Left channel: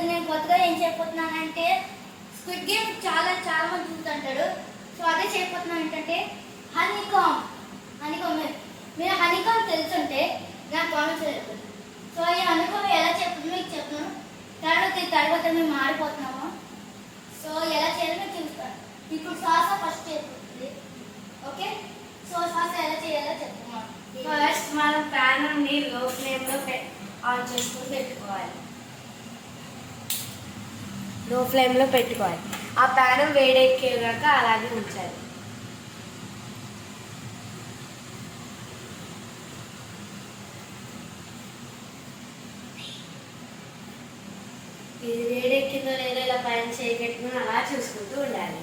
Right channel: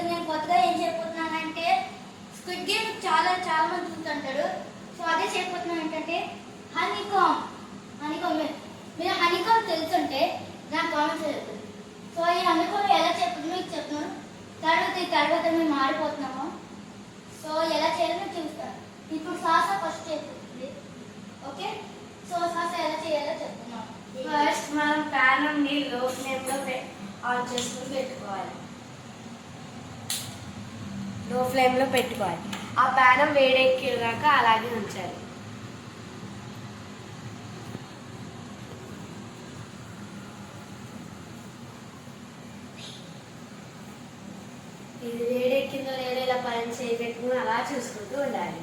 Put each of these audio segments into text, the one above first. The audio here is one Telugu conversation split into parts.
ఈరోజు నేను కొత్తగా ఏం చేయబోతున్నానంటే స్క్విడ్ గేమ్ చాలా మంది చూస్తుంటారు. సో అదే చేయబోతున్నాను. ఏంటంటే హనీకామ్ మీరు హనీకామ్ తెలుసుంటే నాకు కామెంట్స్ చెప్పండి. సో ఈ హనీకామ్ ఎలా చెప్పదు మీకు చెప్తున్నాను. తర్వాత మేము మారిపోతున్నాము. సో ఎలా చేయాలో మీకు చూస్తాను. ఇప్పుడు సాసా ఫస్ట్ చేయబోతుంది. ఓకే, సో సాసా ఎలా చేయాలో చెప్తున్నాను. ఫస్ట్ మనం ప్యాన్ లో ఫ్లేమ్లో ఆన్ చేసుకుని పెట్టుకోవాలి. లో ఫ్లేమ్లో పెట్టుకోవాలి. ఆ ప్యాన్ వేడెక్కేదాకా అలాగే ఉంచాలి. ఇది వేడెక్కిందో లేదో ఇలా పైన చేయి పెట్టుకుని అలా చూసుకుంటూ ఉండాలి.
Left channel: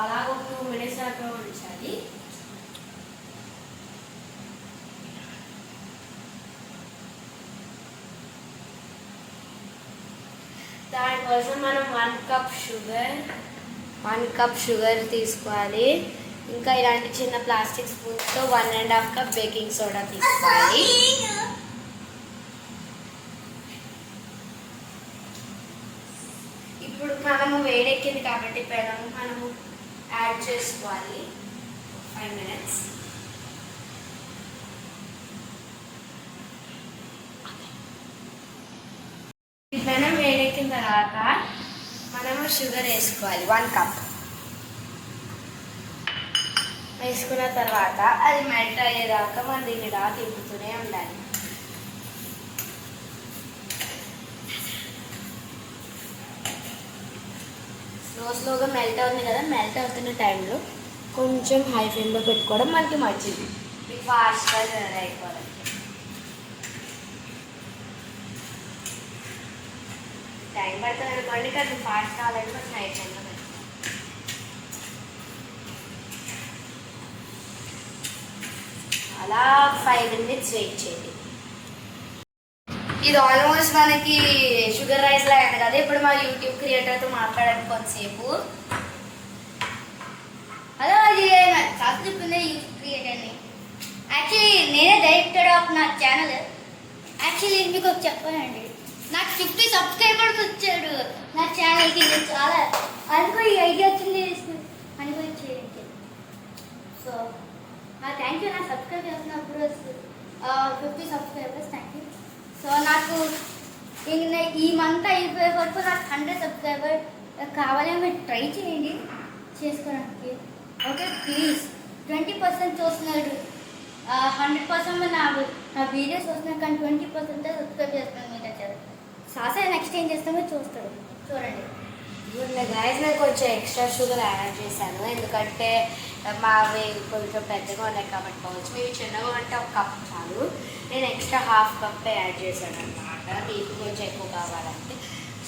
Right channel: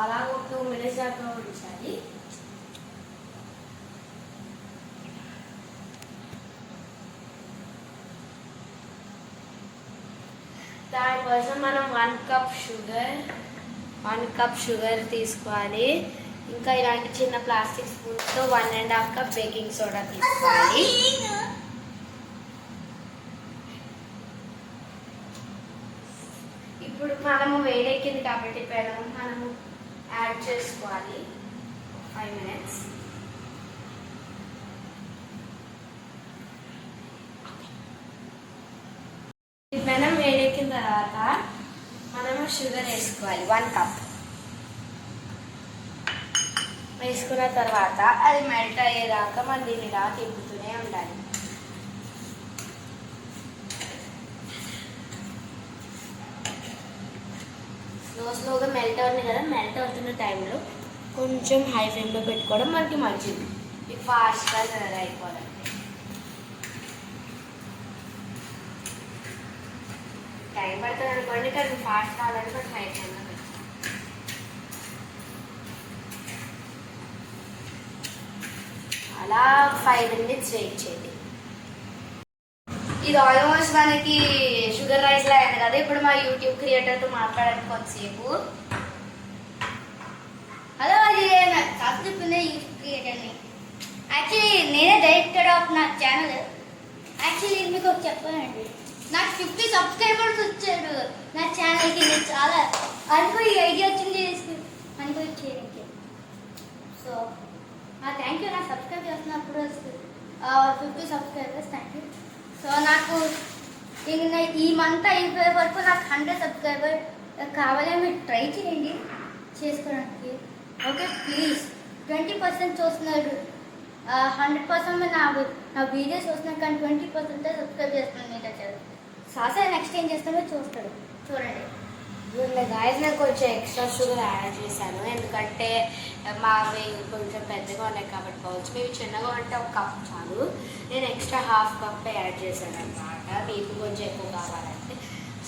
అలా ఒక 2 minutes దాకా ఉంచాలి. దానికోసం మనం 1 కప్ షుగర్ తీసుకోవాలి. ఇంకా ఇలాంటి చిన్న ప్లాస్టిక్ స్పూన్స్తో 1.5 కప్ బేకింగ్ సోడా తీసుకోవాలి. ఇప్పుడు మనము వేడెక్కింది కాబట్టి మనము యాడ్ చేసుకోవాలి. 5 minutes. పెనం వేడెక్కిన తర్వాత మనము షుగర్ వేసుకోవాలి. 1 కప్ వేసుకున్న తర్వాత అది మెల్ట్ అయ్యేదాకా మనం దీన్ని ఇలా తిప్పుతూనే ఉండాలి. స్లోగా మెల్ట్ అవుతుంది కదా. మెల్ట్ అవుతున్న టైంలో కొంచెం హై ఫ్లేమ్లో పెట్టుకోవడం మనకి మంచిది. మీకు ఫాస్ట్గా అయిపోవాలి. టైం పడుతుంది అనుకోండి, కానీ ఫాస్ట్ కావాలంటే కొంచెం హై ఫ్లేమ్లో పెట్టుకోవాలి. అలా 5 minutes వెయిట్ చేయండి. ఇది ఆల్మోస్ట్ మనకి షుగర్ రైస్ లా అయింది కదా. ఇప్పుడు మా యూట్యూబ్ క్రియేటర్తో మాట్లాడాలి కొంతసేపు. హలో, అది కాస్త చెప్పింది యూట్యూబ్ క్రియేటర్ని. యాక్చువల్లీ నేనే డైరెక్టర్ ఆఫ్ నా ఛానల్. యాక్చువల్లీ మీకు ఒక చెప్పానండి, నాకు 50 సబ్స్క్రైబర్స్ వచ్చాడు నా ఛానల్కి. నేను చాలా అనుకో ఈ ఐడియా వచ్చింది అనుకో చేయండి. So thank you. నాకు సబ్స్క్రైబ్ చేస్తున్నప్పుడు 50 సబ్స్క్రైబర్స్. Thank you. సో నాకు ఈ మంత్ అయిపోయే వరకు నాకు 100 సబ్స్క్రైబర్ కావాలని మీరు ట్రై చేయండి చేసుకోవడానికి. Okay please. 20% చూస్తున్నారు, 100% నా వీడియోస్ చూస్తున్నారు, కానీ 20% సబ్స్క్రైబ్ చేస్తున్నాను. మీరు వచ్చారు సాసా నెక్స్ట్ ఏం చేస్తామో చూస్తారు, చూడండి. గాయస్ నేను కొంచెం ఎక్స్ట్రా షుగర్ యాడ్ చేశాను, ఎందుకంటే మావి కొంచెం పెద్దగా ఉన్నాయి కాబట్టి కావచ్చు. మీరు చిన్నగా అంటే 1 కప్ చాలు. నేను ఎక్స్ట్రా 1/2 కప్ యాడ్ చేశాను అనమాట, మీకు కొంచెం ఎక్కువ కావాలంటే.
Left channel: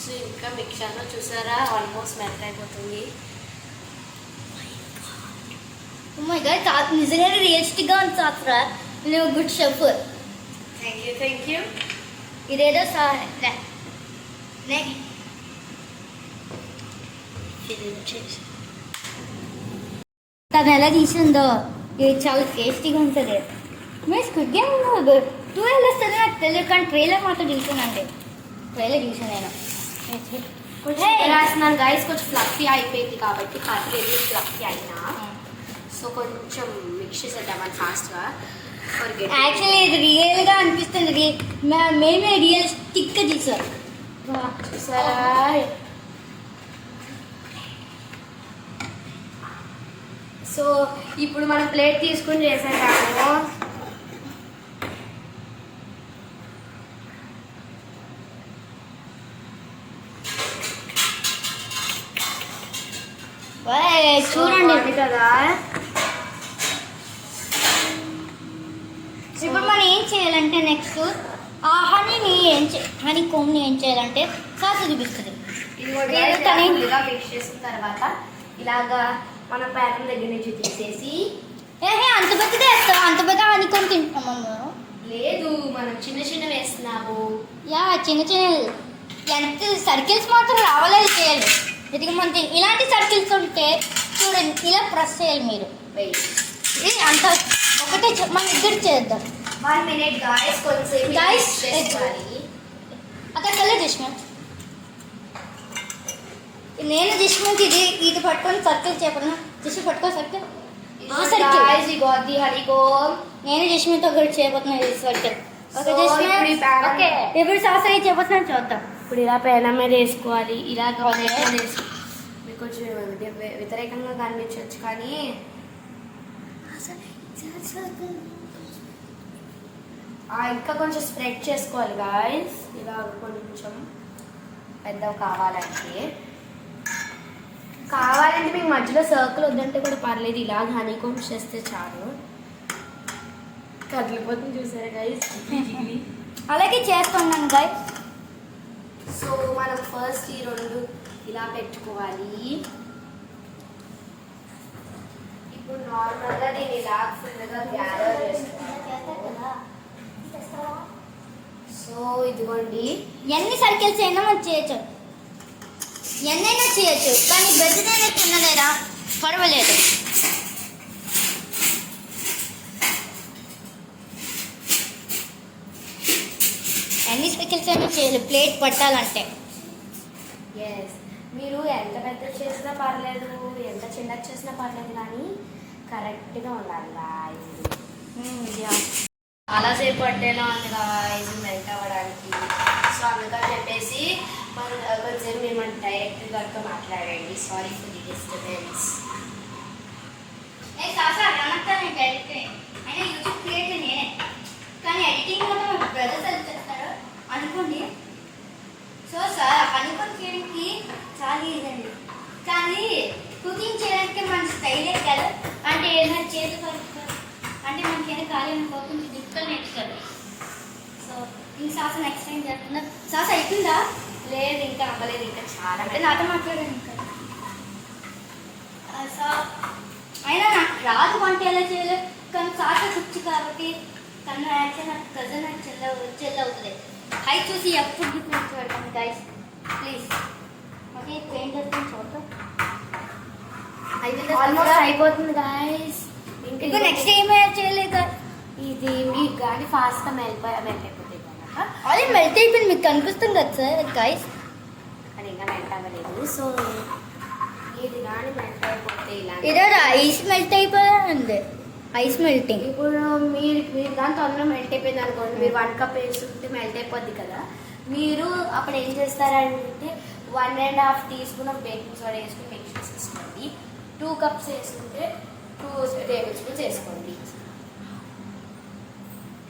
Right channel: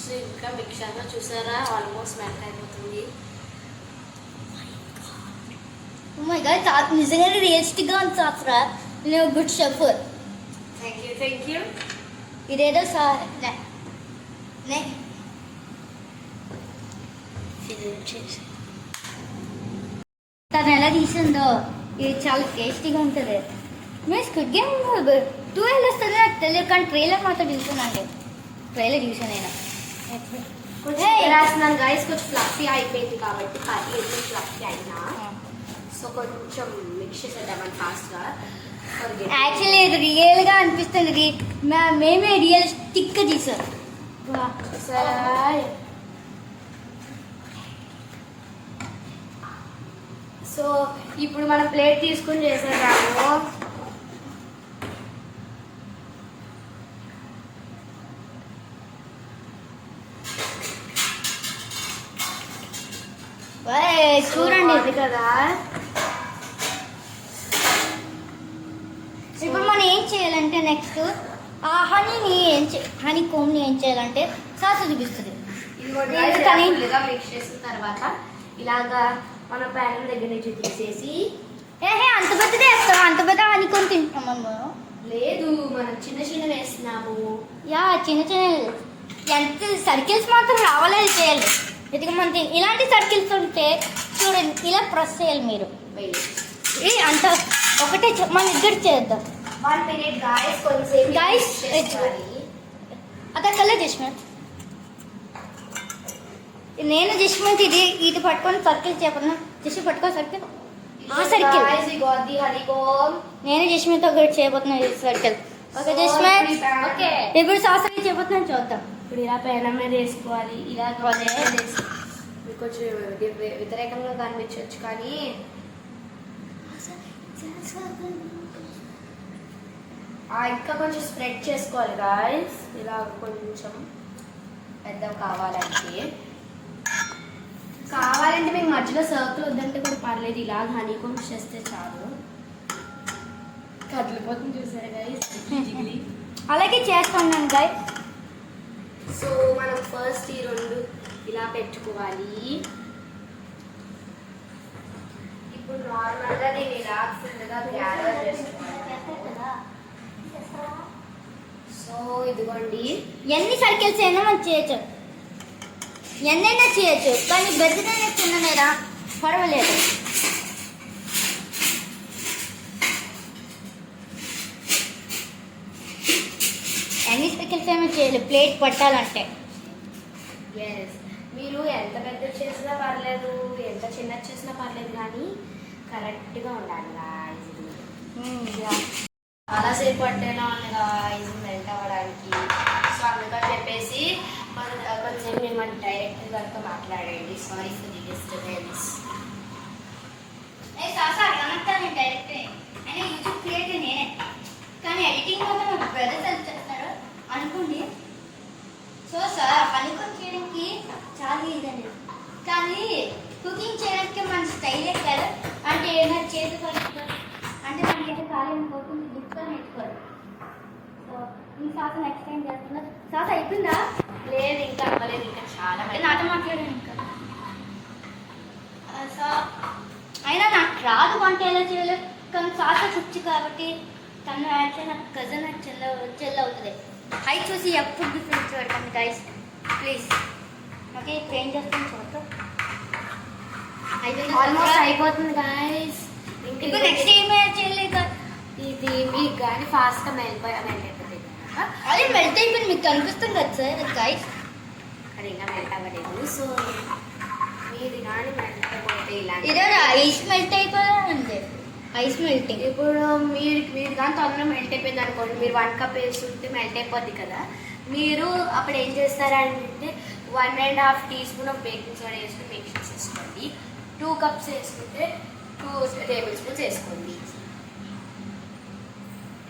సో ఇంకా మిక్సర్లో చూసారా ఆల్మోస్ట్ మెల్ట్ అయిపోతుంది. నిజంగా టేస్టీగా ఉంది సాసరా. నువ్వు గుడ్ షెఫ్. Thank you. ఇదేదో తను ఎలా తీసుకుందో ఇది చాలా టేస్టీగా ఉంటుంది. మీరు స్క్విడ్ గేమ్ 2 వస్తుంది నాకు తెలియదు, కానీ ట్రైలర్ మాత్రం చూసానండి. ట్రైలర్ చూసాను నేను. రాస్తున్నాను గాయస్. కొంచెం ఫ్లఫీ అయిపోయింది కాబట్టి పర్లేదు, ఫ్లఫీ అయినా. సో కొంచెం మిక్స్ చేసేద్దామని ఫాస్ట్గా. యాక్చువల్లీ ఇది రియల్గా అనిపిస్తుంది. మేమే రియలిస్టిక్గా తీసాం సార్. సో ఇప్పుడు మనం ప్లేట్ తీసుకుని చేసేటాము. చూడండి కదా. ఇప్పుడు మనం ఏం చేయాలంటే నెక్స్ట్ ఆ హనీ కోమ్ని ఏం చేయాలంటే సాస చూపిస్తుంది. మిక్స్ చేసిన తర్వాత ఇలాగా మన ప్యాన్ దగ్గర నుంచి తీసేసి అంత పెద్దదే వేస్తాం. అంత పెద్ద హనీ కోమ్ తింటాం మనం. లేదు, మనం చిన్న వేస్తున్నాము. చిన్న ఎంత సర్కిల్స్ మాత్రం రావాలని చేయాలి. మన ఇలాంటి సర్కిల్స్ ఉంటే చూడండి, ఇలా ప్రెస్ చేయాలి మీరు. అంత ఒకటే మనం దగ్గర చేద్దాం. 1 minute guys, కొంచెం Guys, చేసుకోవాలి. అక్కడ కలర్ జిష్మంత్ నేను జిష్మంత్ ఇది పట్టుకొని సర్కిల్ చెప్పను జిష్ పట్టుకో సర్కిల్ ఆ circle Guys, we got the honeycomb. నేను జిష్మంత్ ఒకటి చేయబోతున్నాను ఈ సర్కిల్ ఓకే So, జిష్మంత్ ఇప్పుడు pan- ఓకే ఇప్పుడు సాస్ అయ్యి చేయబోతున్నాను చూద్దాం ఇప్పుడు ఇలా పెనం మీద వేసుకోవాలి, ఇలా మీకు కొంచెం వ్యతిరేకంగా కనిపించవచ్చు కానీ ఇంకా కొంచెం స్ప్రెడ్ చేసుకోవాలి గాయస్, ఇలా కొంచెం పెద్ద కావాలంటే మీకు మధ్యలో సర్కిల్ వద్దంటే కూడా పర్లేదు, ఇలా హనీ కోమ్స్ చేస్తే చాలు. కదిలిపోతుంది చూసారా గైస్. అలాగే చేస్తున్నాను గైస్. సో మనం ఫస్ట్ ఈ రెండు ఇలా పెట్టుకోవాలి. ఇప్పుడు నార్మల్గా దీన్ని ఇలా ఫుల్గా గ్యాదర్ చేసుకోవాలి. సో ఇదిగోండి, ఎన్ని సర్కిల్స్ అయినా మనం చేయొచ్చు, ఎన్నైనా చేయొచ్చు, కానీ గజ్జనైనా తిన్నలేరా పర్వాలేదు. ఎన్ని సర్కిల్స్ అయినా చేయలేదు ప్లేట్ పట్టాలంటే. ఎస్, మీరు ఎంత పెద్ద చేసినా పర్లేదు, ఎంత చిన్నది చేసినా పర్లేదు, కానీ కరెక్ట్గా ఉండాలి guys. చాలాసేపు పట్టేలా ఉంది guys మెల్ట్ అవ్వడానికి. సో అందుకని చెప్పేసి కొంచెం మేము డైరెక్ట్ వర్క్ మాట్లాడండి. Sorry for the disturbance. Direct అయినా యూట్యూబ్ క్రియేట్ నేనే, కానీ ఎడిటింగ్ మాత్రం మా బ్రదర్స్ అది చేస్తాడు అనుకోండి. సో సార్ అనుకుని చేయడానికి చాలా ఈజీ అండి, కానీ కుకింగ్ చేయడానికి మన స్టైలే కాదు. అంటే ఏదైనా చేతి అంటే మనకి ఏదైనా కాలేని కొంచెం డిఫికల్ట్ నేర్చుకోవాలి. సో ఇంక సాస్ నెక్స్ట్ టైం చేస్తున్నా. సాస్ అయిపోయిందా? లేదు, ఇంకా అవ్వలేదు, ఇంకా చాలా నాతో మాట్లాడాను ఇంకా. సో అయినా నాకు రాదు వంట ఎలా చేయలేదు, కానీ సాస కుచ్చు కాబట్టి కన్నా యాక్చువల్ నాకు కజన్ నాకు చెల్ల అవుతుంది. అవి చూసి ఎప్పుడు డిఫరెన్స్ పెడతాను గైస్ ప్లీజ్. ఓకే ఇప్పుడు ఏం చేస్తాను చూద్దాం. ఆల్మోస్ట్ అయిపోతుంది గాయస్. ఇంకా నెక్స్ట్ ఏం చేయలేదు. ఇది మీకు కానీ ఫాస్ట్గా మెల్ట్ అయిపోతుంది కదా, అది మెల్ట్ అయిపోయింది మీకు కనిపిస్తుంది కదా సార్ గైస్. అది ఇంకా మెల్ట్ అవ్వలేదు. సో ఇది కానీ మెల్ట్ అయిపోతే ఇలా ఇదే ఐస్ మెల్ట్ అయిపోయింది, ఐస్ మెల్టింగ్. ఇప్పుడు మీరు కానీ తొందరగా మెల్ట్ అయిపోయింది అనుకోండి, మీరు 1 కప్ వేస్తుంటే మెల్ట్ అయిపోద్ది కదా. మీరు అప్పుడు ఏం చేస్తారంటే 1.5 టీస్పూన్ ఆఫ్ బేకింగ్ సోడా వేసుకుని మిక్స్ చేసేసుకోండి. 2 కప్స్ వేసుకుంటే 2 టేబుల్ స్పూన్స్ వేసుకోండి.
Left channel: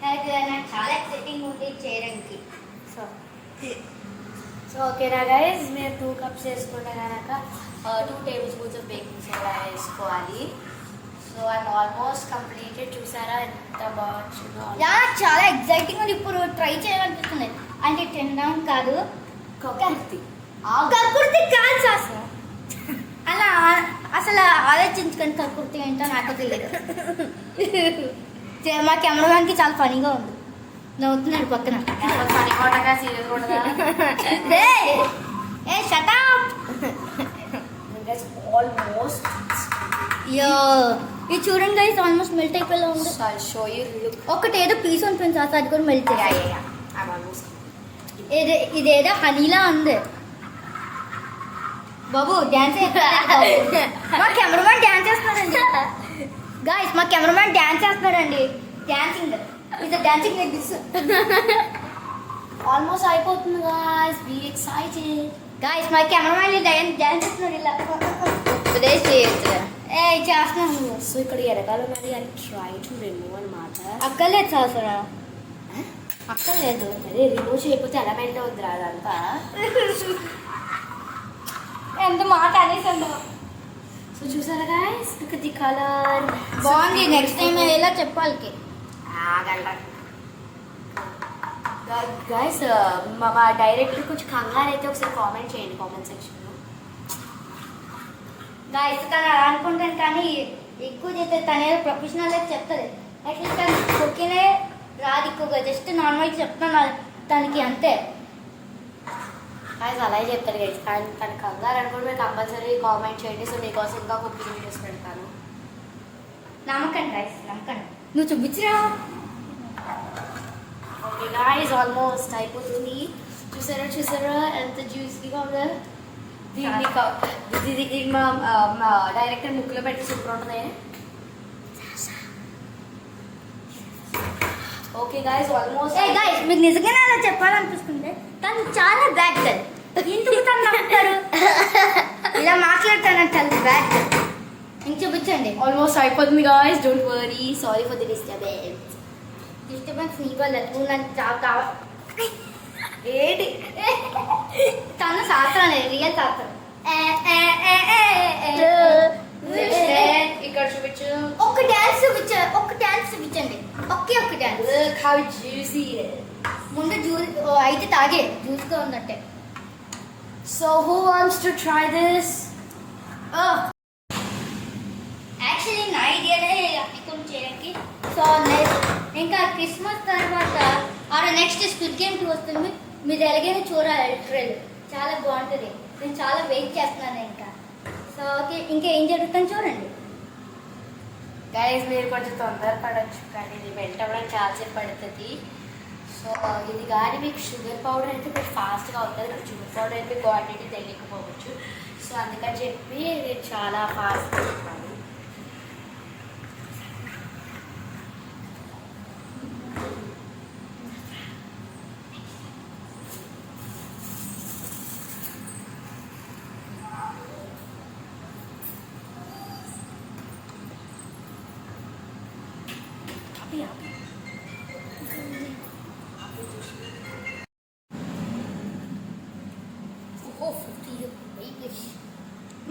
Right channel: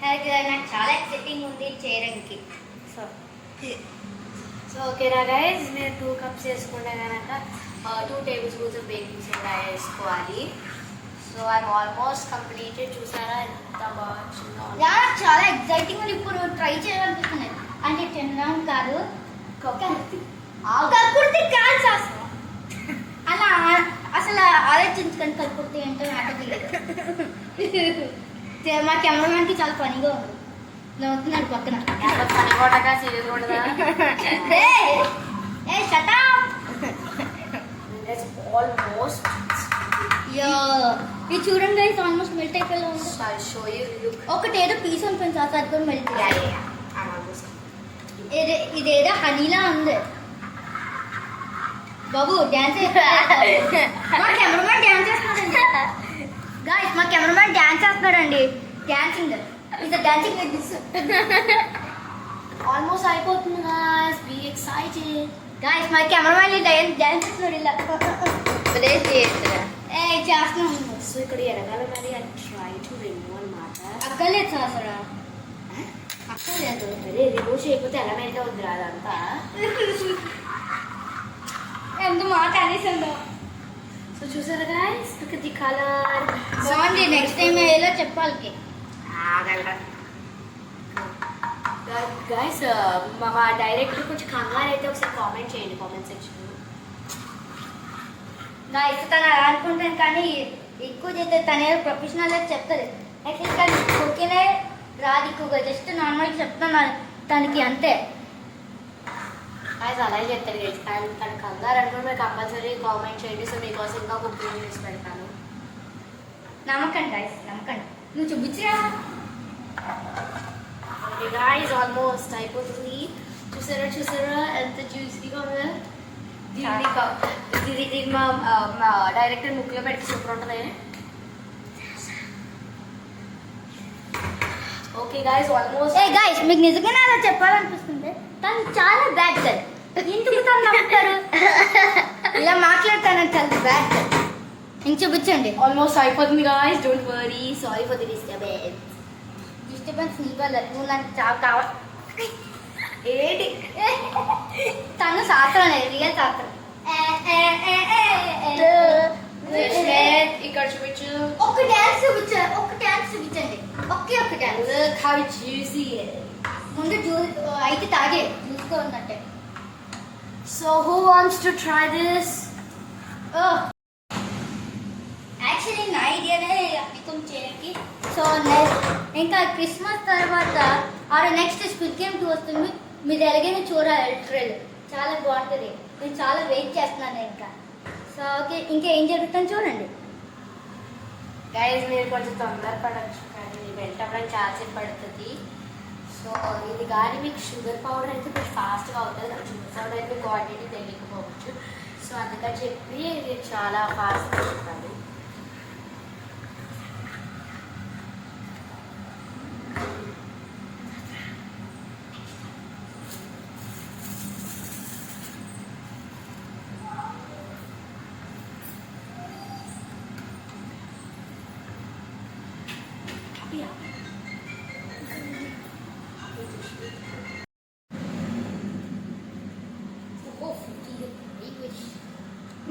నాకు చాలా ఎక్సైటింగ్ ఉంది చేయడానికి. సో ఓకేనా గైస్, మీరు 2 కప్స్ వేసుకుంటే కనుక 2 table spoons of baking soda వేసుకోవాలి. So I'm almost completed. చూసారా ఎంత బాగా చాలా ఎక్సైటింగ్ ఉంది. ఇప్పుడు ట్రై చేయాలనిపిస్తుంది. అంటే తిన్నాం కాదు, కక్కుర్తి కాదు సాస్. అలా అసలు ఆలోచించుకొని కక్కుర్తి ఏంటో నాకు తెలియదు. మా కెమెరాకి చాలా ఫనీగా ఉంది, నవ్వుతున్నాడు పక్కన. ఆల్మోస్ట్ ఇది చూడండి గైస్, ఆల్మోస్ట్ మెల్ట్ అయిపోయేలా ఉంది. ఒకటి ఏదో పీస్ ఉంటుంది సార్, అది కూడా మెల్ట్ అయ్యాయి. ఇదేదో హనీలా ఉంది బాబు. డ్యాన్స్ మా కెమెరామెన్ డ్యాన్స్ చేస్తున్నాడండి గాయస్, మా కెమెరామెన్ డ్యాన్స్ చేస్తున్నాడండి. డాన్సింగ్ ఇది డాన్సింగ్ లైక్ దిస్. ఆల్మోస్ట్ అయిపోతుంది గాయ్స్, బీ ఎక్సైటెడ్. గాయస్ మా కెమెరామెన్ డ్యాన్స్ చేస్తున్నాడు ఇలా చేస్తున్నాను. సో ఇక్కడ ఎరగాల మరి అది ట్రై టు రిమూవ్ అనమాట. అక్కర్లేదు సార్, అక్కర్లేదు. అదే రిమూవ్ చేయకపోతే ఎలా మెల్ట్ అవుతుంది అదంతా. ఎంత మాట అనేసాను. సో చూసారా గాయ్స్, లుక్ ది కలర్ బాగుంది. నెక్స్ట్ టైం ఎలా చెప్పాలి గాయ్స్. మా డైరెక్టర్ కొంచెం కంగారు అయితే ఒకసారి కామెంట్ చేయండి కామెంట్ సెక్షన్లో. గాయస్ తను అలా అనుకుంటాను, కానీ ఎక్కువ చేస్తే తనే ప్రొఫెషనల్ చెప్తుంది. యాక్చువల్లీ తను కుకింగ్ రాదు ఎక్కువగా, జస్ట్ నార్మల్గా చెప్తాను తనకి అంతే. గాయ్స్ అలాగే చెప్తారు గైస్, కానీ తన కంగారు అనుకుంటే మీరు కంపల్సరీ కామెంట్ చేయండి. సో మీకోసం ఇంకా కుకింగ్ చేసి పెడతాను. నమ్మకండి గాయస్, నమ్మకండి. నువ్వు చూపించినా ఓకే గాయ్స్ ఆల్మోస్ట్ అయిపోతుంది. చూసారా ఎంత జ్యూసీగా ఉందో. దీన్ని మా డైరెక్టర్ ముక్కులో పెట్టి సూపర్ ఉంటుంది. Okay guys almost. గైస్ మీకు నిజంగానే అలా చెప్పాలనిపిస్తుంది. తను చాలా బ్యాడ్ గర్ల్. ఎందుకు తను నమ్ముతారు? ఇలా మాట్లాడతానంటే చాలా బ్యాడ్ గర్ల్. ఇంక చూపించండి. ఆల్మోస్ట్ అయిపోతుంది guys. Don't worry. Sorry for the disturbance నీ వల్ల నువ్వు నాకు చాలా కావాలి. ఏంటి తను శాస్త్రం రియల్ శాస్త్రం. ఇక్కడ చూపించు. ఒక డాన్స్ చూపించండి. ఒకే ఒక dance. Look how juicy it is. ముందు జ్యూస్ అయితే తాగే జ్యూస్గా ఉన్నట్టే. So who wants to try this? Actually నా ఐడియానే అప్లికం చేయడానికి. సో ఇంకా క్రిస్మస్ తర్వాత నెక్స్ట్ స్క్విడ్ గేమ్ 2 వస్తుంది. మీరు ఎలాగైనా చూడాలి. ట్రైలర్ చాలా బాగుంటుంది. నేను చాలా వెయిట్ చేస్తున్నాను ఇంకా. సో ఓకే ఇంకా ఏం జరుగుతుందో చూడండి. గైస్ మీరు కొంచెం తొందరపడచ్చు కానీ ఇది మెల్ట్ అవ్వడానికి చాలాసేపు పడుతుంది. సో ఇది కానీ మీకు షుగర్ పౌడర్ అయితే కొంచెం ఫాస్ట్గా అవుతుంది. నాకు షుగర్ పౌడర్ అయితే క్వాంటిటీ తెలియకపోవచ్చు. సో అందుకని చెప్పి ఇది చాలా ఫాస్ట్గా చెప్పాలి.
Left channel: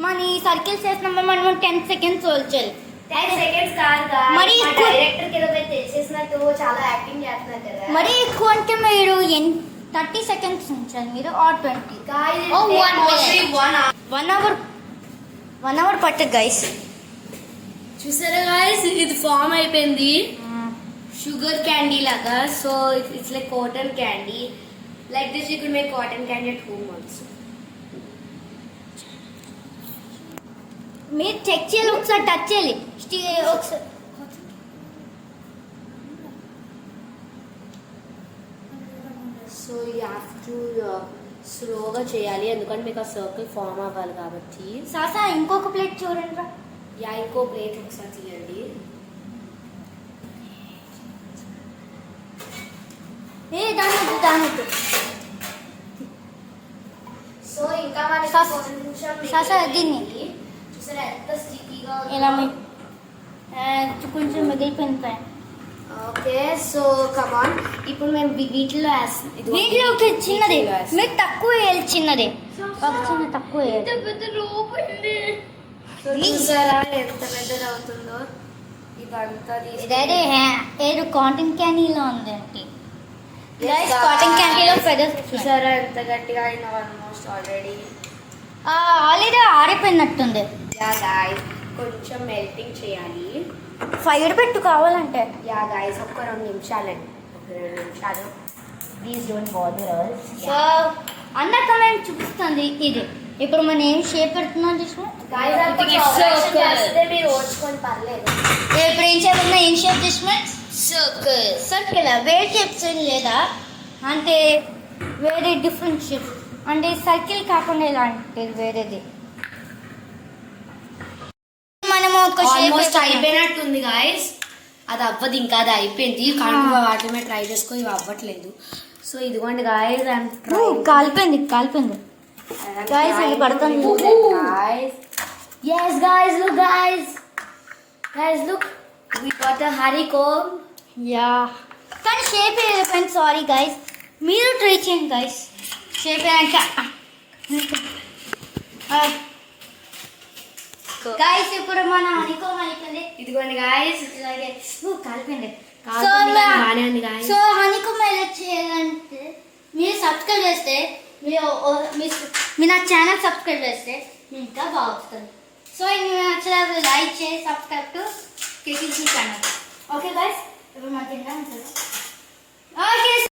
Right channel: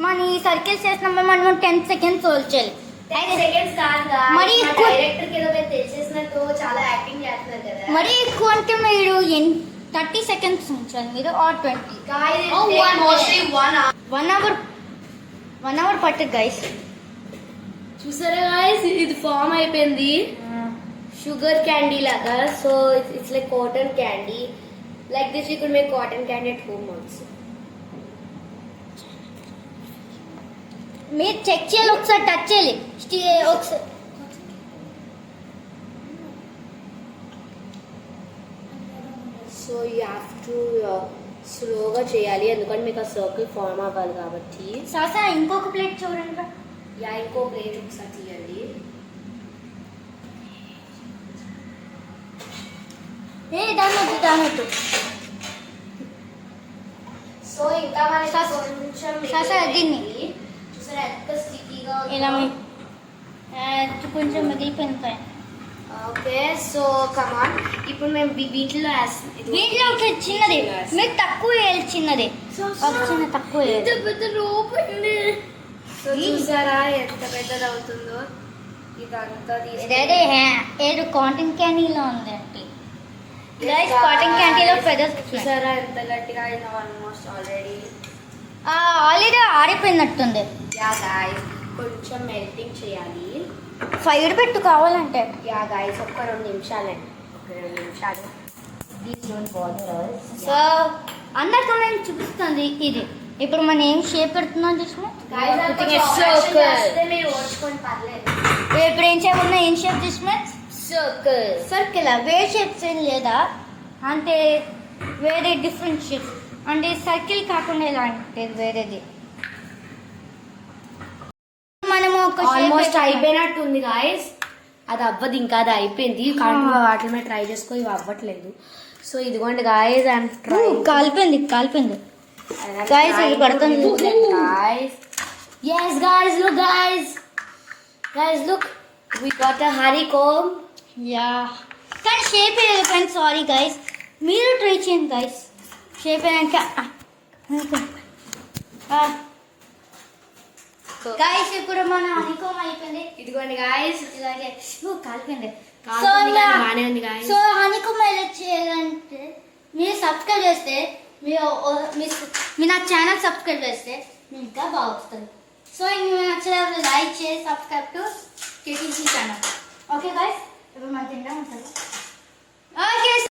మన ఈ సర్కిల్స్ చేసినప్పుడు మనం 10 seconds వచ్చారు. 10 seconds కాదు. మరి ఎక్కువ- డైరెక్టర్కి ఏదో మీరు తెలిసేసినట్టు చాలా యాక్టింగ్ చేస్తున్నారు కదా. మరీ ఎక్కువ అంటే మీరు 30 seconds ఉంచాలి మీరు are 20. Guys, it Oh, takes 1 mostly minute. 1 hour. 1 hour పట్టదు గైస్. చూసారా గాయస్ ఇది ఫామ్ అయిపోయింది షుగర్ క్యాండీ లాగా. So it's like cotton candy. Like this you could make cotton candy at home also. మీరు చెక్ చేయాలి, ఒకసారి టచ్ చేయాలి. ఒకసారి సో యూ హ్యావ్ టు స్లోగా చేయాలి ఎందుకంటే మీకు ఆ సర్కిల్ ఫామ్ అవ్వాలి కాబట్టి. సాసా ఇంకొక ప్లేట్ చూడండి రా. యా ఇంకో ప్లేట్ ఒకసారి తీయండి. దానొద్దు. సో ఇంకా మనకి కొంచెం సాసా దీన్ని చూసారా ఎంత స్టిక్కీగా ఇలా కొంచెం మిగిలిపోయిన. ఓకే సో కమాన్ ఇప్పుడు మేము వీటిలో వీటిలో ఒక చిన్నది మీరు తక్కువ వేయాలి. చిన్నది ఒక చిన్న తక్కువ వేయాలి. సో చూసారా ఎంత పెద్దది అవుతుందో. ఇదంతా ఇదైతే ఏదో కాటన్ క్యాండీలో ఉందండి. గైస్ కాటన్ క్యాండీలో ఫెదర్స్ చూసారా ఎంత గట్టిగా అయినా ఆల్మోస్ట్ ఆల్రెడీ ఆరిపోయినట్టుంది. యా గాయ్స్ కొంచెం మెల్టింగ్ చేయాలి. ఫైర్ పెట్టు కావాలంటే. యా గాయ్స్ ఒక్క 2 నిమిషాలండి. ఒక 2 నిమిషాలు. Please don't bother us. So అందరికీ మేము చూపిస్తుంది ఇది. ఇప్పుడు మనం ఏం షేప్ పెడుతున్నాం చూసిన మీరు ఓడ్చుకొని పర్లేదు. ఇప్పుడు ఏం చేయబోతున్నా ఏం షేప్ చూసిన సర్కిల్. వేరే షేప్స్ ఏం లేదా అంటే వేరే డిఫరెంట్ షేప్స్ అంటే సర్కిల్ కాకుండా ఎలా అంటే వేరేది. మనము ఒక షేప్ అయిపోయినట్టుంది గాయస్. అది అవ్వదు ఇంకా అది అయిపోయింది కానీ వాటి మీద ట్రై చేసుకో ఇవి అవ్వట్లేదు. సో ఇదిగోండి గాయస్ కాలిపోయింది గాయస్. ఇది పడుతుంది. yes guys look guys look we got a honeycomb. Yeah కానీ షేప్ అయిపోయింది. సారీ గైస్ మీరు ట్రై చేయండి గైస్. షేప్ అయ్యాక గైస్ ఇప్పుడు మన హనీకోమ్ అయిపోయింది. ఇదిగోండి గాయస్ ఇలాగే కాలిపోయింది. బాగానే ఉంది guys. సో హనీకోమ్ ఎలా చేయాలంటే మీరు సబ్స్క్రైబ్ చేస్తే మీరు నా ఛానల్ సబ్స్క్రైబ్ చేస్తే మీకు ఇంకా బాగా వస్తుంది. సో మీకు నచ్చినప్పుడు లైక్ చేసి subscribe to KTC channel. Okay guys ఇప్పుడు మన తింటా ఉంటుంది. ఓకే